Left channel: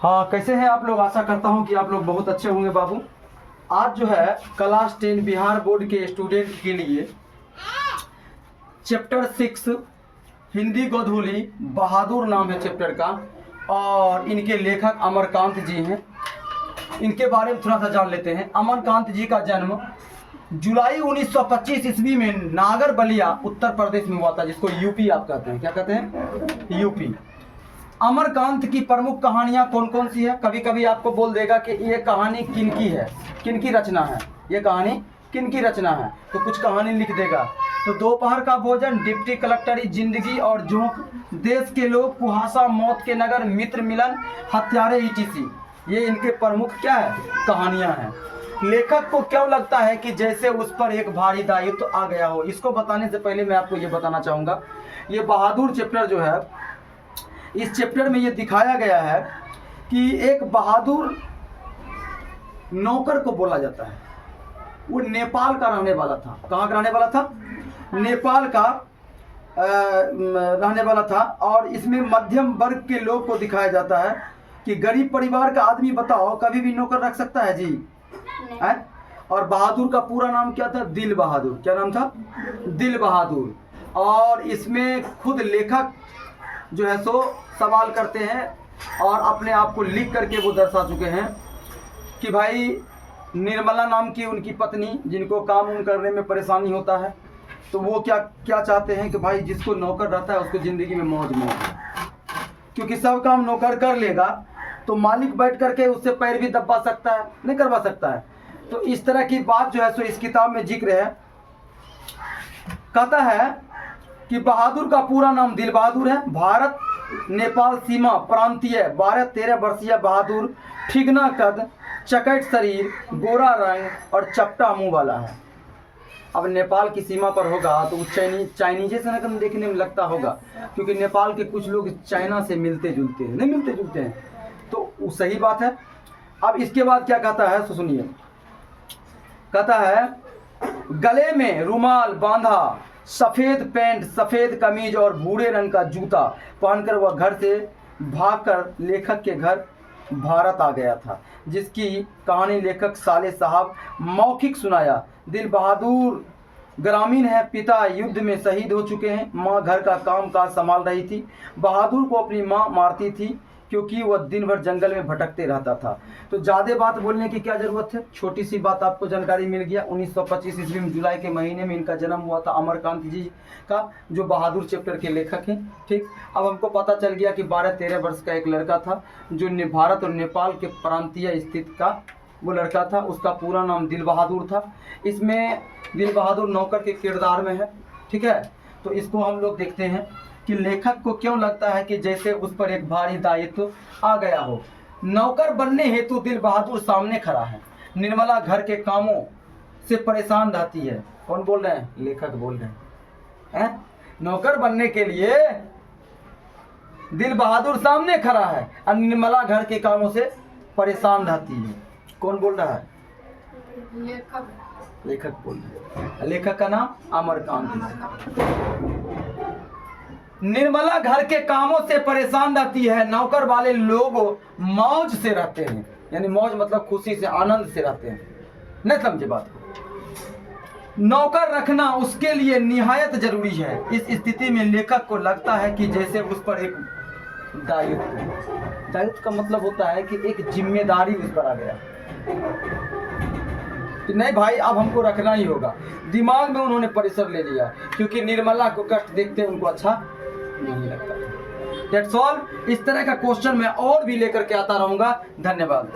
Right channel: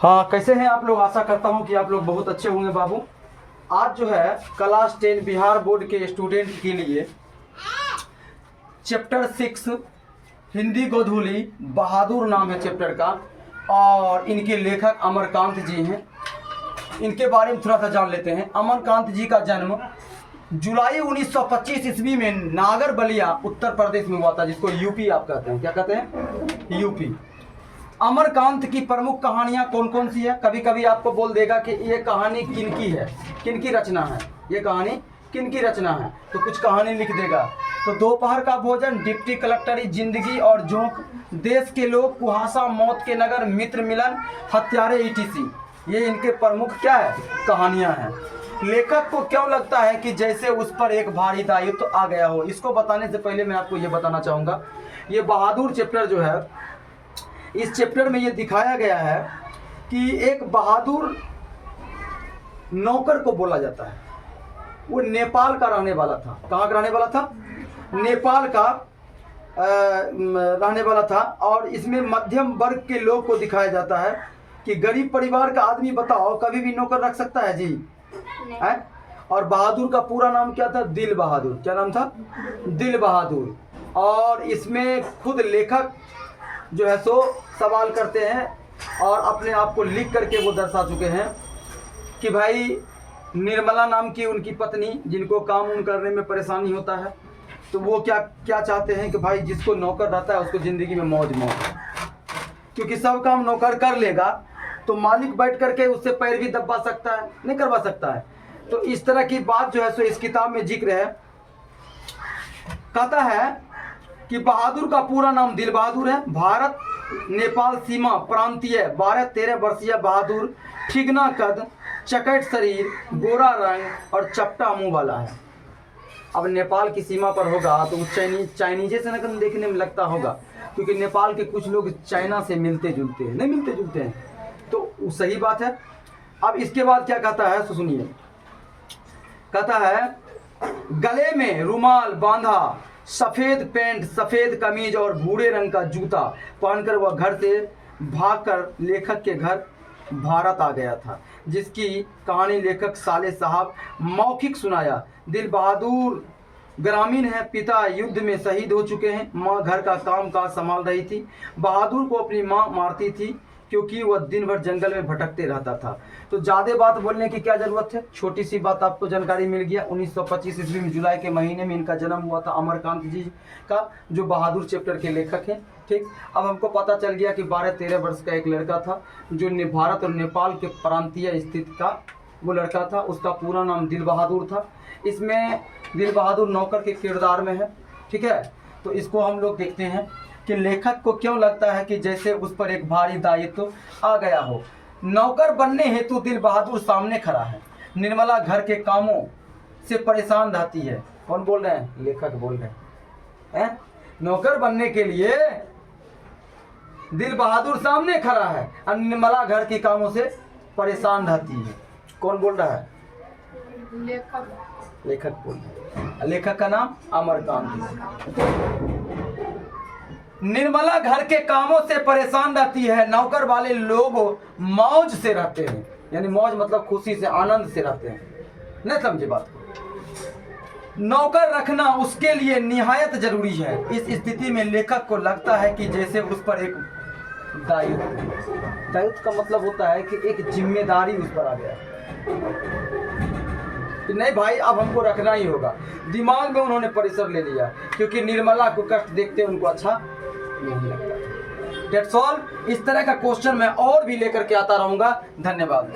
हाँ, कैसे हैं आप लोग। आशा करता हूँ कि आप लोग बहुत अच्छे होंगे बाबू। आज जो है क्लास 10 बिहार बोर्ड के स्टूडेंट के लिए चैप्टर 6 हिंदी गोधूली बहादुर नाम है चैप्टर का, और इनके लेखक अमरकांत जी हैं। इनके बारे में थोड़ा सा जान लेते हैं। अमरकांत जी का जन्म जुलाई 1925 ईस्वी में नागर बलिया उत्तर प्रदेश में हुआ था, जिसको यूपी आप कहते हैं। क्या कहते हैं? यूपी। अमरकांत की प्रमुख कहानियां कौन कौन सी है? कभी कभी आपको बोल देगा कि ये कहानी किनकी है, किनकी रचना है, ये कहानी किनकी रचना है, तो कुछ कहानी लिख देगा। तो दोपहर का भोजन, डिप्टी कलेक्टरी जिंदगी और जोंक, देश के लोग, कुहासा, मौत के नगर, मित्र मिलन, हत्यारे ईटीसी, ये इनके प्रमुख क्या है, कहानियां हैं। लेखक को क्यों लगता है कि जैसे उस पर एक भारी दायित्व तो आ गया हो? इसको बताने से पहले मैं आपको ये बताना चाहूँगा, ये बहादुर चैप्टर जो है, इस चैप्टर में ये दिखाया गया है कि एक बहादुर नौकर को बोला जाता है। वो नेपाल का रहने वाला था। कहाँ का रहने वाला था? नेपाल का रहने वाला था। और इसमें मध्यम वर्ग के लोग को दिखाया जाता है कि गरीब परिवार का आदमी, बताओ, कभी भी नौकर रख सकता है जी? है? और बहादुर का पूरा नाम क्या था? दिल बहादुर। क्या नाम था? दिल बहादुर। और इसमें खुद लेखक जो है सो सवाल करते हैं और अपने आप को लिख करके वो दर्शा चुके हैं कि भाई निर्मला नाम की उनकी पत्नी, जिनको काम उम करने में परेशानी होता है, तो वो क्या क्या चाहते हैं कि भाई जिसको नौकर रहता है उसको ज़िंदगी में मौज मौज, क्योंकि सब काम नौकर कर लेगा तो मालिक बैठ करके उससे पैर भी दबा सकता है, नहीं करवा सकता है। तो इस तरह की बात जो है सो इस किताब में जिक्र है। कहता है कि बहादुर का पूरा नाम दिल बहादुर है। भारत नेपाल सीमा प्रांतीय 12-13 वर्षीय बहादुर, ठिगना कद, चकट शरीर, गोरा रंग और चपटा मुंह वाला है। अब नेपाल की सीमा पर होगा तो चाइनीजे से नकल देखने में लगता होगा, क्योंकि नेपाल के कुछ लोग चाइना से मिलते जुलते हैं, नहीं मिलते जुलते हैं, तो वो सही बात है। अब इसके बाद क्या कहता है तो सुनिए। कहता है गले में रुमाल बांधा, सफ़ेद पैंट, सफ़ेद कमीज और भूरे रंग का जूता पहनकर वह घर से भागकर लेखक के घर भारत आ गया था, जिसकी कहानी लेखक साले साहब मौखिक सुनाया। दिल बहादुर ग्रामीण है, पिता युद्ध में शहीद हो चुके हैं, माँ घर का काम काज संभाल रही थी। बहादुर को अपनी माँ मारती थी क्योंकि वह दिन भर जंगल में भटकते रहता था। तो ज़्यादा बात बोलने की क्या ज़रूरत है, छोटी सी बात आपको जानकारी मिल गया। 1925 ईस्वी में जुलाई के महीने में इनका जन्म हुआ था, अमरकांत जी का, जो बहादुर चैप्टर के लेखक हैं। ठीक, अब हमको पता चल गया कि 12-13 वर्ष का एक लड़का था जो भारत और नेपाल के प्रांतीय स्थित का वो लड़का था। उसका पूरा नाम दिल बहादुर था। इसमें दिल बहादुर नौकर के किरदार में है। ठीक है, तो इसको हम लोग देखते हैं कि लेखक को क्यों लगता है कि जैसे उस पर एक भारी दायित्व आ गया हो। नौकर बनने हेतु दिल बहादुर सामने खड़ा है। निर्मला घर के कामों से परेशान रहती है। कौन बोल रहे हैं? लेखक बोल रहे हैं। नौकर बनने के लिए दिल बहादुर सामने खड़ा है और निर्मला घर के कामों से परेशान रहती है। कौन बोल रहा है? लेखक बोल रहे हैं। लेखक का नाम अमरकांत। निर्मला घर के कामों से परेशान रहती है, नौकर वाले लोग मौज से रहते हैं, यानी मौज मतलब खुशी से, आनंद से रहते हैं। नहीं समझे बात को? नौकर रखना उसके लिए निहायत जरूरी है। इस स्थिति में लेखक को लगता है कि जैसे उस पर एक दायित्व का मतलब होता है कि एक जिम्मेदारी उस पर आ गया कि नहीं भाई अब हमको रखना ही होगा। दिमाग में उन्होंने परिसर ले लिया, क्योंकि निर्मला को कष्ट देखते उनको अच्छा नहीं लगता। That's all। इस तरह का क्वेश्चन मैं और भी लेकर के आता रहूंगा। धन्यवाद।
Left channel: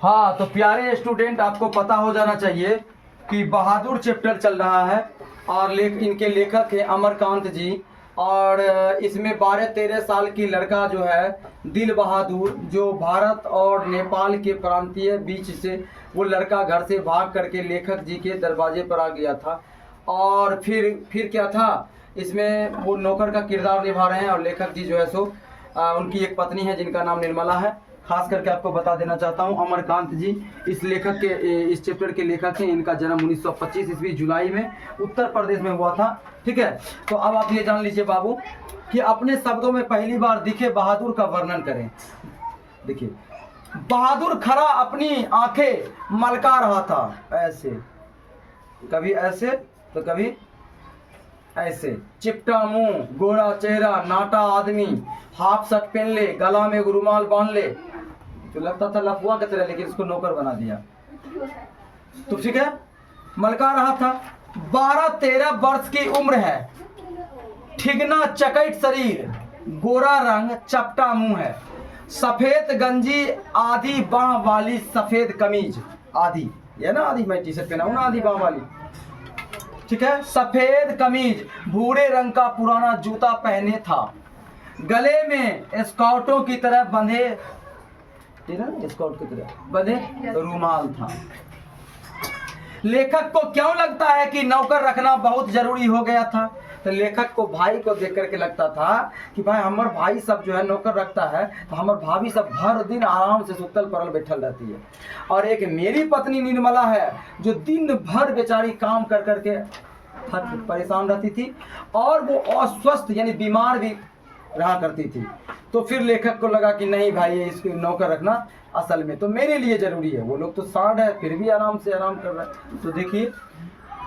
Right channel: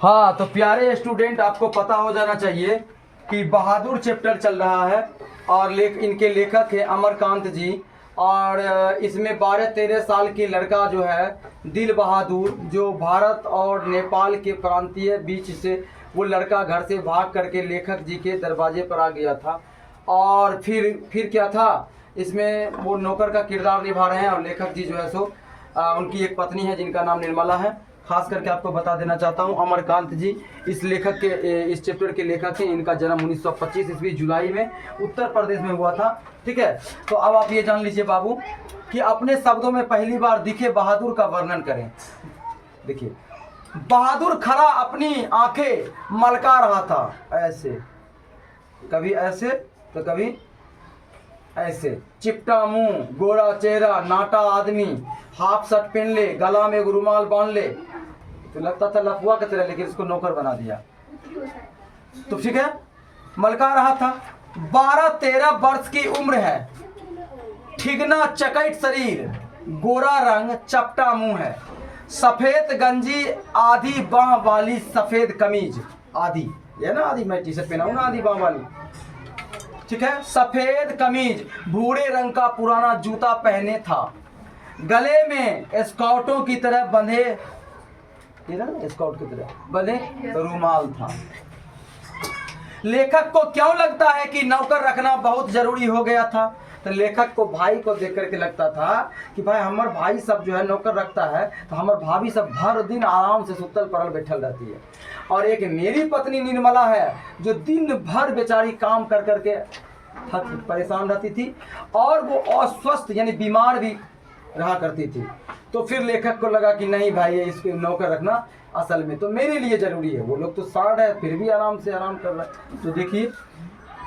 हाँ, तो प्यारे स्टूडेंट, आपको पता हो जाना चाहिए कि बहादुर चैप्टर चल रहा है और इनके लेखक है अमरकांत जी। और इसमें 12-13 साल की लड़का जो है दिल बहादुर, जो भारत और नेपाल के प्रांतीय बीच से वो लड़का घर से भाग करके लेखक जी के दरवाजे पर आ गया था। और फिर क्या था, इसमें वो नौकर का किरदार निभा रहे हैं और लेखक जी जो है सो उनकी एक पत्नी है जिनका नाम निर्मला है। खास करके आपको बता देना चाहता हूँ, अमरकांत जी इस लेखक के, इस चैप्टर के लेखक हैं। इनका जन्म 1925 ईस्वी जुलाई में उत्तर प्रदेश में हुआ था। ठीक है, तो अब आप ये जान लीजिए बाबू कि अपने शब्दों में पहली बार दिखे बहादुर का वर्णन करें। देखिए, बहादुर खड़ा अपनी आंखें मलका रहा था, ऐसे, कभी ऐसे तो कभी ऐसे, चिपटा मुंह, गोरा चेहरा, नाटा आदमी, हाफ शर्ट पहन ले, गला में रुमाल बांध ले, तो लगता था लफुआ की तरह, लेकिन इसको नौकर बना दिया। तो ठीक है, मलका रहा था। 12-13 वर्ष की उम्र है, ठिगना चकैत शरीर, गोरा रंग, चपटा मुंह है, सफेद गंजी, आधी बाह वाली सफेद कमीज, आधी ये ना, आधी मैं टी शर्ट पहना हूं ना, आधी बाह वाली, ठीक है, सफेद कमीज, भूरे रंग का पुराना जूता पहने था, गले में स्काउटों की तरह बंधे, स्काउट की तरह बंधे रुमाल था। लेखक को क्यों लगता है कि नौकर रखना बहुत जरूरी हो गया था? तो लेखक को भाई को देख करके लगता था कि भाई हमार भाई सब जो है नौकर रखता है, तो हमार भाभी सब भर दिन आराम से सुतल पड़ल बैठल रहती है, और एक मेरी पत्नी निर्मला है जो दिन भर बेचारी काम कर करके परेशान रहती थी, और वो अस्वस्थ यानी बीमार भी रहा करती थी। तो फिर लेखक को लगा कि नहीं भाई, ये इसको नौकर रखना असल में तो मेरे लिए जरूरी है। वो लोग तो सांड है फिर भी आराम से आराम कर रहे हैं। तो देखिए,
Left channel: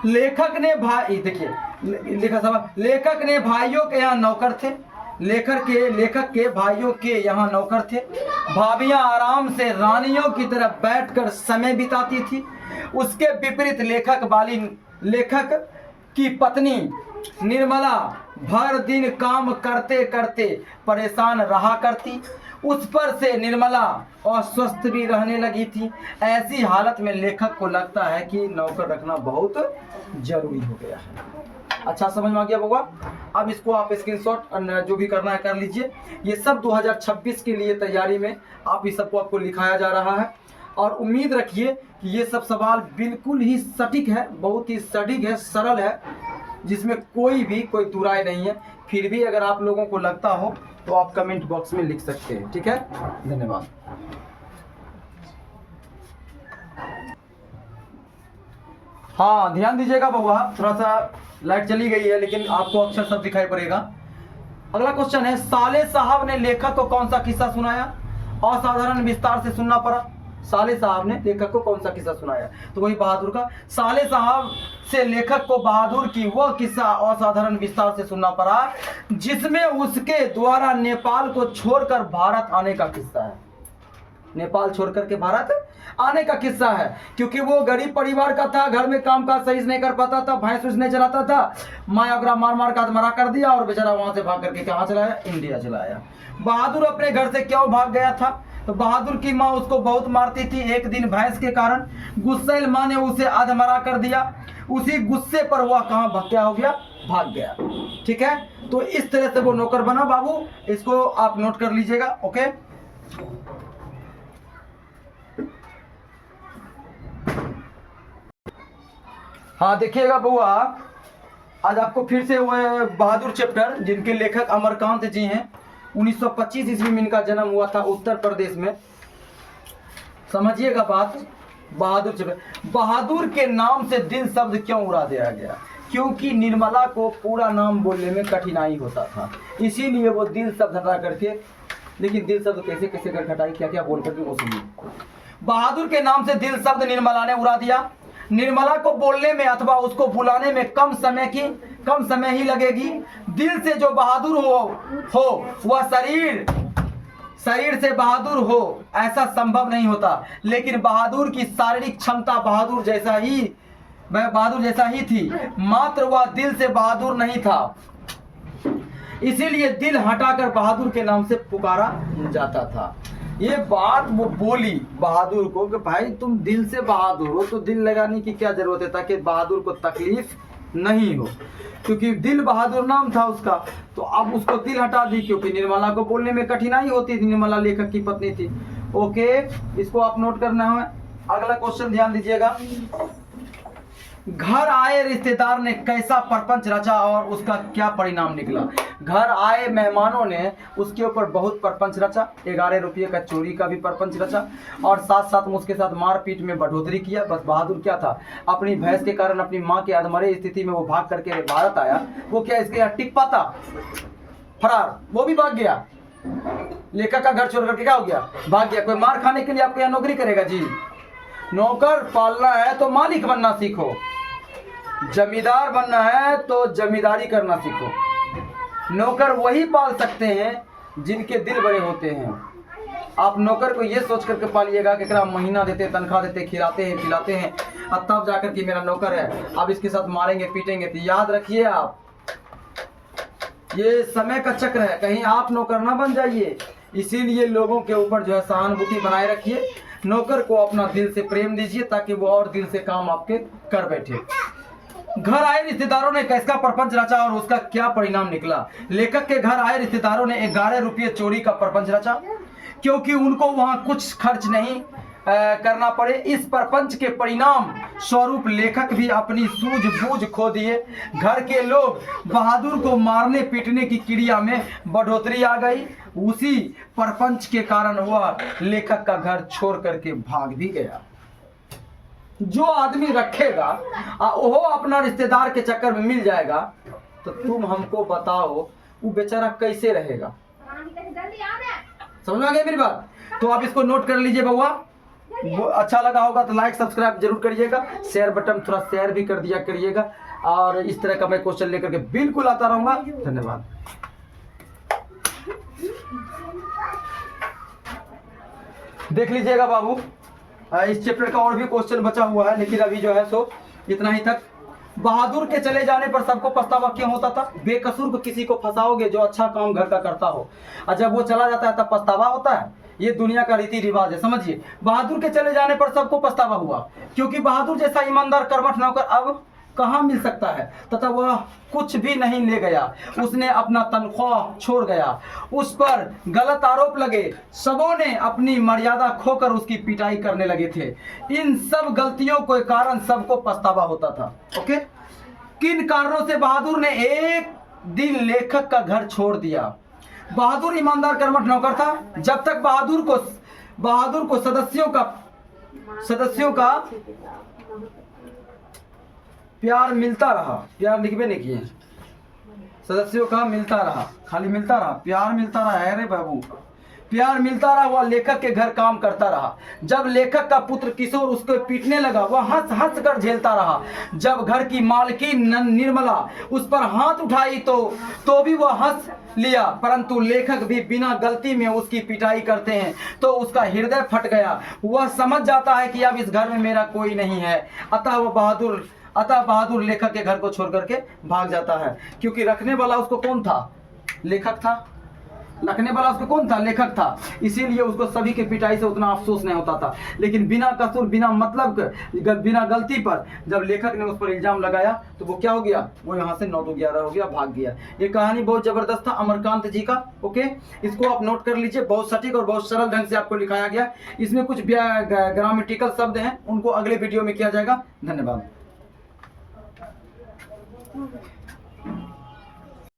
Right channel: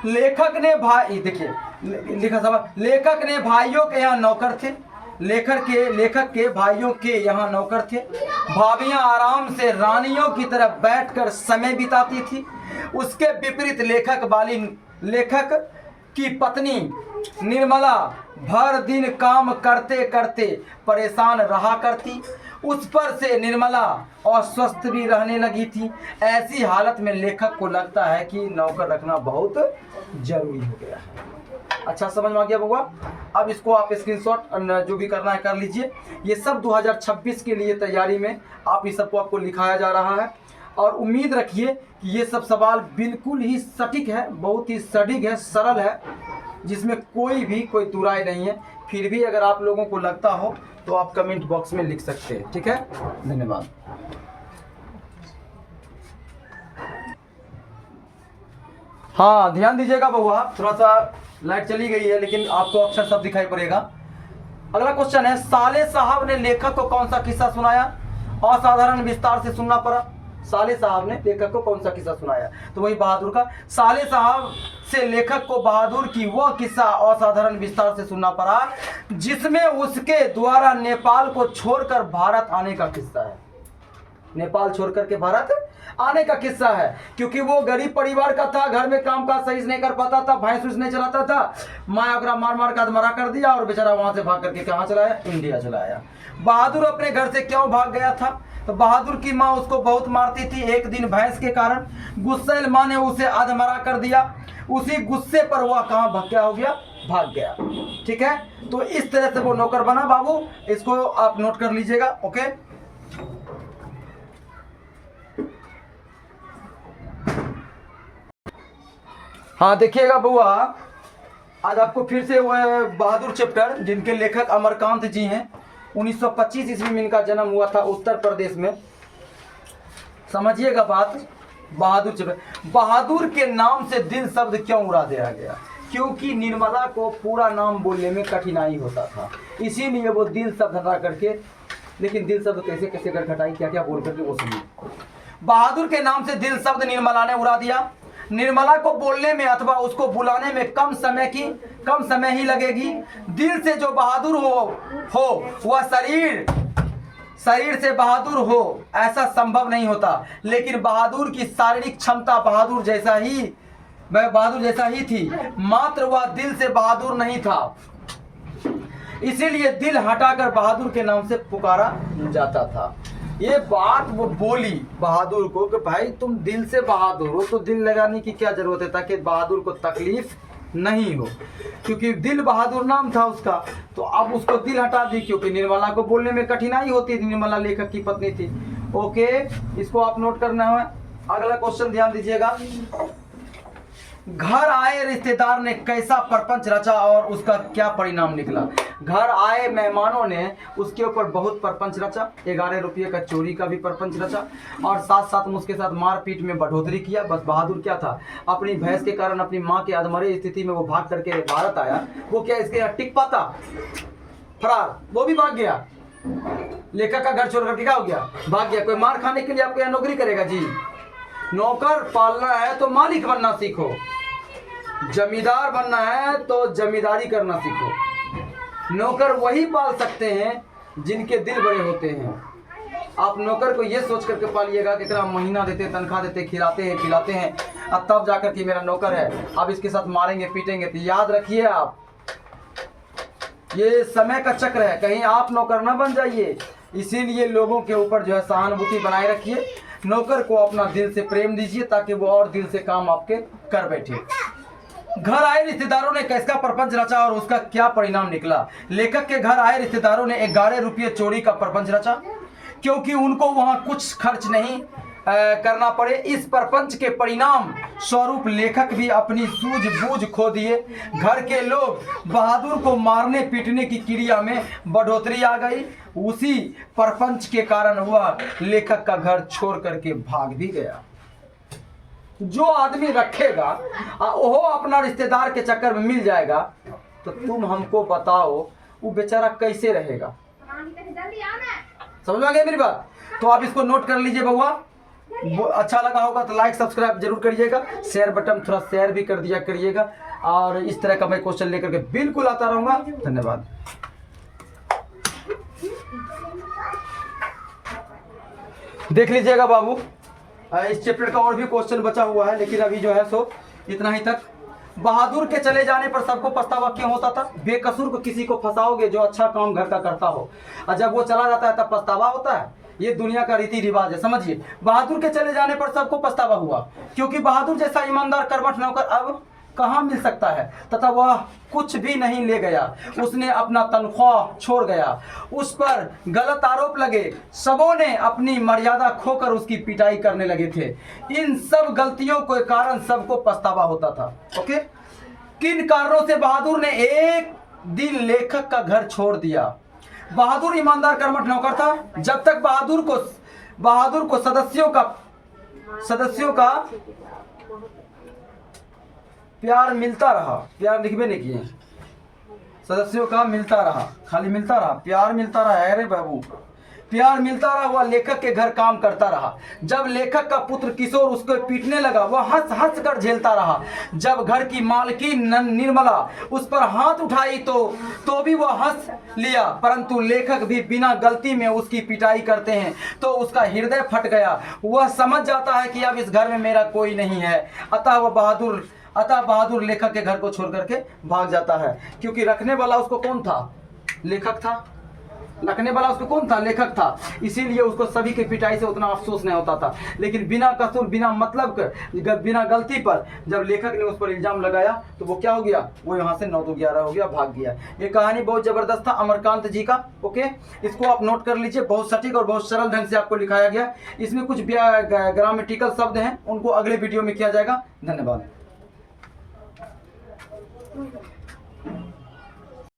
लेखक ने भाई, देखिए लिखा सब, लेखक ने भाइयों के यहाँ नौकर थे, लेखक के भाइयों के यहाँ नौकर थे। भाभियां आराम से रानियों की तरह बैठकर समय बिताती थी। उसके विपरीत लेखक की पत्नी निर्मला भर दिन काम करते करते परेशान रहा करती। उस पर से निर्मला अस्वस्थ भी रहने लगी थी। ऐसी हालत में लेखक को लगता है कि नौकर रखना बहुत जरूरी हो गया है। अच्छा समझ में आ गया होगा। अब इसको आप स्क्रीनशॉट जो भी करना है कर लीजिए। ये सब 2026 के लिए तैयारी में आप इस सबको आपको लिखाया जा रहा है, और उम्मीद रखिए कि ये सब सवाल बिल्कुल ही सटीक है, बहुत ही सटीक है, सरल है, जिसमें कोई दुराई नहीं है। फिर भी अगर आप लोगों को लगता हो तो आप कमेंट बॉक्स में लिख सकते हैं। ठीक है, धन्यवाद। हाँ ध्यान दीजिएगा बउआ, थोड़ा सा लाइट चली गई है लेकिन आपको अक्षर सब दिखाई पड़ेगा। अगला क्वेश्चन है, साले साहब ने लेखक को कौन सा किस्सा सुनाया? असाधारण विस्तार से सुनना पड़ा। साले साहब ने लेखक को कौन सा किस्सा सुनाया? तो वही बहादुर का। साले साहब से लेखक को बहादुर की वह किस्सा असाधारण विस्तार से सुनना पड़ा जिसमें उसके द्वारा नेपाल को छोड़कर भारत आने का किस्सा है। नेपाल छोड़कर के भारत आने का किस्सा है, क्योंकि वो गरीब परिवार का था, घर में काम काज सही से नहीं कर पाता था, भैंस नहीं चलाता था, माया ओकरा मार मार का मरा कर दिया और बेचारा वहां से भाग करके कहाँ चला आया? इंडिया चला आया। बहादुर अपने घर से क्यों भाग गया था? तो बहादुर की माँ उसको बहुत मारती थी। एक दिन भैंस के कारण गुस्सैल माँ ने उसे अधमरा कर दिया। उसी गुस्से पर वह कहाँ भक्या हो गया? भाग गया। ठीक है, तो इस तरह से वो नौकर बना। बाबू इसको आप नोट कर लीजिएगा। ओके, हाँ देखिएगा बुआ, आज आपको फिर से वह बहादुर चैप्टर, जिनके लेखक अमरकांत जी हैं, 1925 ईस्वी में इनका जन्म हुआ था उत्तर प्रदेश में। समझिएगा बात। बहादुर चैप्टर, बहादुर के नाम से दिल शब्द क्यों उड़ा दिया गया? क्योंकि निर्मला को पूरा नाम बोलने में कठिनाई होता था, इसीलिए वो दिल शब्द हटा करके, लेकिन दिल शब्द कैसे कैसे कर घटाई, क्या क्या बोल करके वो सुनिए। बहादुर के नाम से दिल शब्द निर्मला ने उड़ा दिया। निर्मला को बोलने में अथवा उसको बुलाने में कम समय ही लगेगी। दिल से जो बहादुर हो वह शरीर से बहादुर हो ऐसा संभव नहीं होता। लेकिन बहादुर की शारीरिक क्षमता बहादुर जैसा ही थी, मात्र वह दिल से बहादुर नहीं था। इसीलिए दिल हटाकर बहादुर के नाम से पुकारा जाता था। ये बात वो बोली बहादुर को कि भाई तुम दिल से बहादुर हो, तो दिल लगाने की क्या जरूरत है, ताकि बहादुर को तकलीफ नहीं हो, क्योंकि दिल बहादुर नाम था उसका। तो अब उसको दिल हटा दी, क्योंकि निर्मला को बोलने में कठिनाई होती थी। निर्मला लेखक की पत्नी थी। ओके, इसको आप नोट करना है। अगला क्वेश्चन ध्यान दीजिएगा। घर आए रिश्तेदार ने कैसा प्रपंच रचा और उसका क्या परिणाम निकला। घर आए मेहमानों ने उसके ऊपर बहुत प्रपंच रचा, 11 रुपये का चोरी का भी प्रपंच रचा और साथ साथ में उसके साथ मारपीट में बढ़ोतरी किया। बस बहादुर क्या था, अपनी भैंस के कारण अपनी माँ के अधमरे स्थिति में वो भाग करके भारत आया। वो क्या इसके यहाँ टिक पाता, फरार, वो भी भाग गया। लेखक का घर छोड़ करके क्या हो गया, भाग गया। कोई मार खाने के लिए आपके यहाँ नौकरी करेगा जी? नौकर पालना है तो मालिक बनना सीखो, जमींदार बनना है तो जमींदारी करना सीखो। नौकर वही पाल सकते हैं जिनके दिल बड़े होते हैं। आप नौकर को ये सोच करके पालिएगा कि कितना महीना देते, तनख्वाह देते, खिलाते हैं पिलाते हैं, अब तब जाकर के मेरा नौकर है, अब इसके साथ मारेंगे पीटेंगे। तो याद रखिए आप, ये समय का चक्र है, कहीं आप नौकर ना बन जाइए। इसीलिए लोगों के ऊपर जो है सहानुभूति बनाए रखिए। नौकर को अपना दिल से प्रेम दीजिए ताकि वो और दिल से काम आपके कर बैठे। घर आए रिश्तेदारों ने कैसा प्रपंच रचा और उसका क्या परिणाम निकला। लेखक के घर आए रिश्तेदारों ने 11 रुपये चोरी का प्रपंच रचा, क्योंकि उनको वहां कुछ खर्च नहीं करना पड़े। इस प्रपंच के परिणाम स्वरूप लेखक भी अपनी सूझबूझ खो दिए। घर के लोग बहादुर को मारने पीटने की क्रिया में बढ़ोतरी आ गई। उसी प्रपंच के कारण वह लेखक का घर छोड़ करके भाग भी गया। जो आदमी रखेगा वो अपना रिश्तेदार के चक्कर में मिल जाएगा, तो तुम हमको बताओ वो बेचारा कैसे रहेगा। समझ में आ गया मेरी बात? तो आप इसको नोट कर लीजिए बउआ। अच्छा लगा होगा तो लाइक सब्सक्राइब जरूर करिएगा, शेयर बटन थोड़ा शेयर भी कर दिया करिएगा। और इस तरह का मैं क्वेश्चन लेकर के बिल्कुल आता रहूंगा। धन्यवाद। देख लीजिएगा बाबू, इस चैप्टर का और भी क्वेश्चन बचा हुआ है, लेकिन अभी जो है सो इतना ही तक। बहादुर के चले जाने पर सबको पछतावा क्यों होता था? बेकसूर को किसी को फंसाओगे जो अच्छा काम घर का करता हो, और जब वो चला जाता है तब पछतावा होता है। ये दुनिया का रीति रिवाज है, समझिए। बहादुर के चले जाने पर सबको पछतावा हुआ, क्योंकि बहादुर जैसा ईमानदार कर्मठ नौकर अब कहाँ मिल सकता है, तथा वह कुछ भी नहीं ले गया। उसने अपना तनख्वाह छोड़ गया, उस पर गलत आरोप लगे, सबों ने अपनी मर्यादा खोकर उसकी पिटाई करने लगे थे। इन सब गलतियों के कारण सबको पछतावा होता था। ओके, किन कारणों से बहादुर ने एक दिन लेखक का घर छोड़ दिया? बहादुर ईमानदार कर्मठ नौकर था। जब तक बहादुर को सदस्यों का प्यार मिलता रहा, प्यार लिखबे नहीं किए, सदस्यों का मिलता रहा, खाली मिलता रहा, प्यार मिलता रहा। अरे बाबू, प्यार मिलता रहा, वह लेखक के घर काम करता रहा। जब लेखक का पुत्र किशोर उसको पीटने लगा, वह हंस हंस कर झेलता रहा। जब घर की मालकिन निर्मला उस पर हाथ उठाई तो भी वह हंस लिया, परंतु लेखक भी बिना गलती में उसकी पिटाई करते हैं तो उसका हृदय फट गया। वह समझ जाता है कि अब इस घर में मेरा कोई नहीं है। अतः बहादुर लेखक के घर को छोड़ करके भाग जाता है, क्योंकि रखने वाला उसको कौन था? लेखक था। रखने वाला उसको कौन था? लेखक था। इसीलिए उसको सभी के पिटाई से उतना अफसोस नहीं होता था। लेकिन बिना कसूर, बिना मतलब के, बिना गलती पर जब लेखक ने उस पर इल्जाम लगाया तो वो क्या हो गया? वो यहाँ से 9-11 हो गया, भाग गया। ये कहानी बहुत जबरदस्त था अमरकांत जी का। ओके, इसको आप नोट कर लीजिए। बहुत सटीक और बहुत सरल ढंग से आपको लिखाया गया। इसमें कुछ ग्रामेटिकल शब्द हैं, उनको अगले वीडियो में किया जाएगा। धन्यवाद।